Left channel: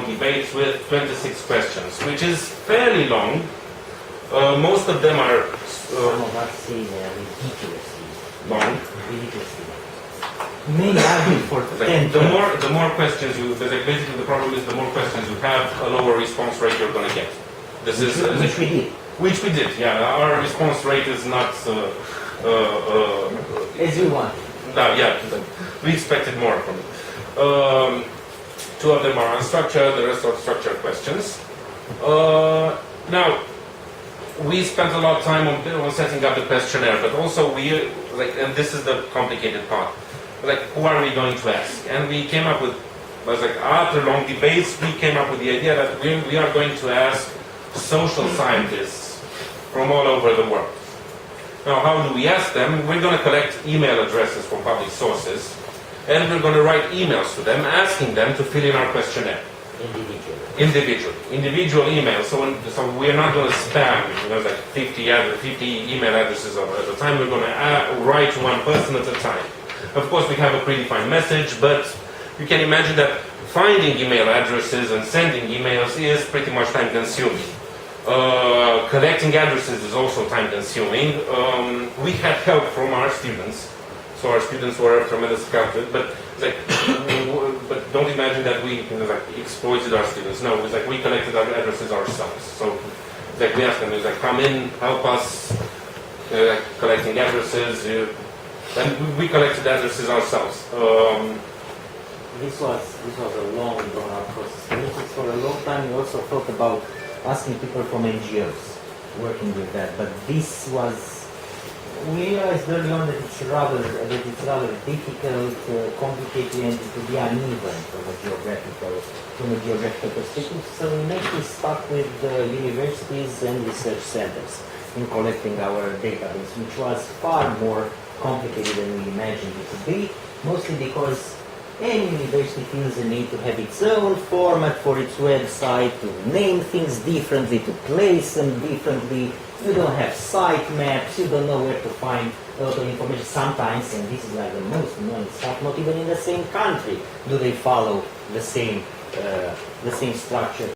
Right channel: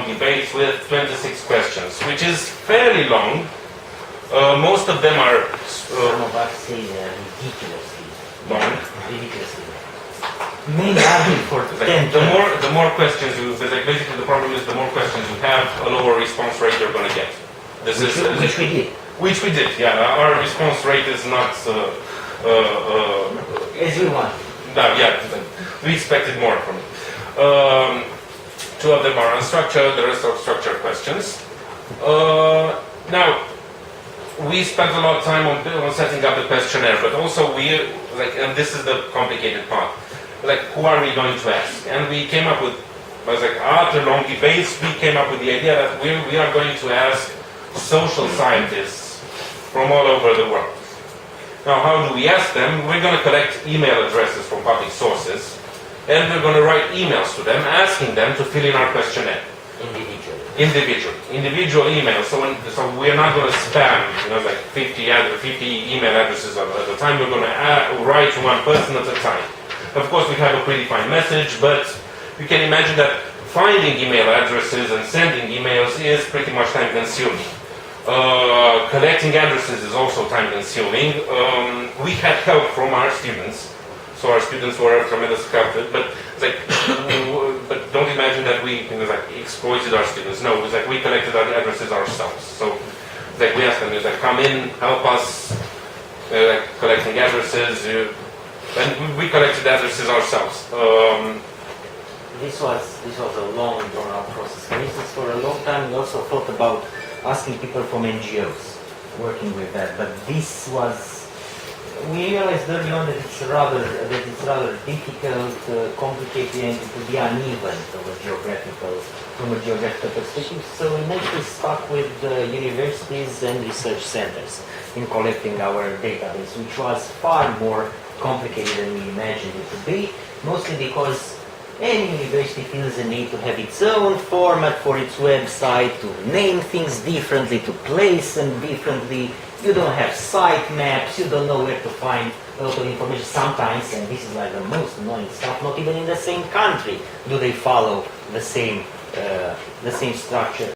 debates with 26 questions, which is fairly long. Most of them are Some of us say they are ridiculously long. Ridiculously long. Many argue for 10 The more questions you, basically the problem is the more questions you have, a lower response rate you're going to get. Which we did. Which we did, yeah. Our response rate is not as we want. No, yeah, we expected more from it. Two of them are unstructured, the rest are structured questions. Now, we spent a lot of time on setting up the questionnaire, but also and this is the complicated part, who are we going to ask? And we came up with, after long debates, we came up with the idea that we are going to ask social scientists from all over the world. Now, how do we ask them? We're going to collect email addresses from public sources, and we're going to write emails to them, asking them to fill in our questionnaire. Individual emails. So we're not going to spam, 50 email addresses at a time. We're going to write to one person at a time. Of course, we have a predefined message, but you can imagine that finding email addresses and sending emails is pretty much time-consuming. Collecting addresses is also time-consuming. We had help from our students. So our students were tremendous help, but but don't imagine that we exploited our students. No, we collected our addresses ourselves. So we asked them, come in, help us, collecting addresses, and we collected addresses ourselves. This was a long, drawn-out process. For instance, for a long time, we also thought about asking people from NGOs working with that, but this was. We realized early on that it's rather difficult, complicated, and it would be uneven from a geographical perspective. So we mostly stuck with universities and research centers in collecting our database, which was far more complicated than we imagined it to be. Mostly because any university feels the need to have its own format for its website, to name things differently, to place them differently. You don't have site maps, you don't know where to find a lot of information. Sometimes, and this is the most annoying stuff, not even in the same country do they follow the same structure.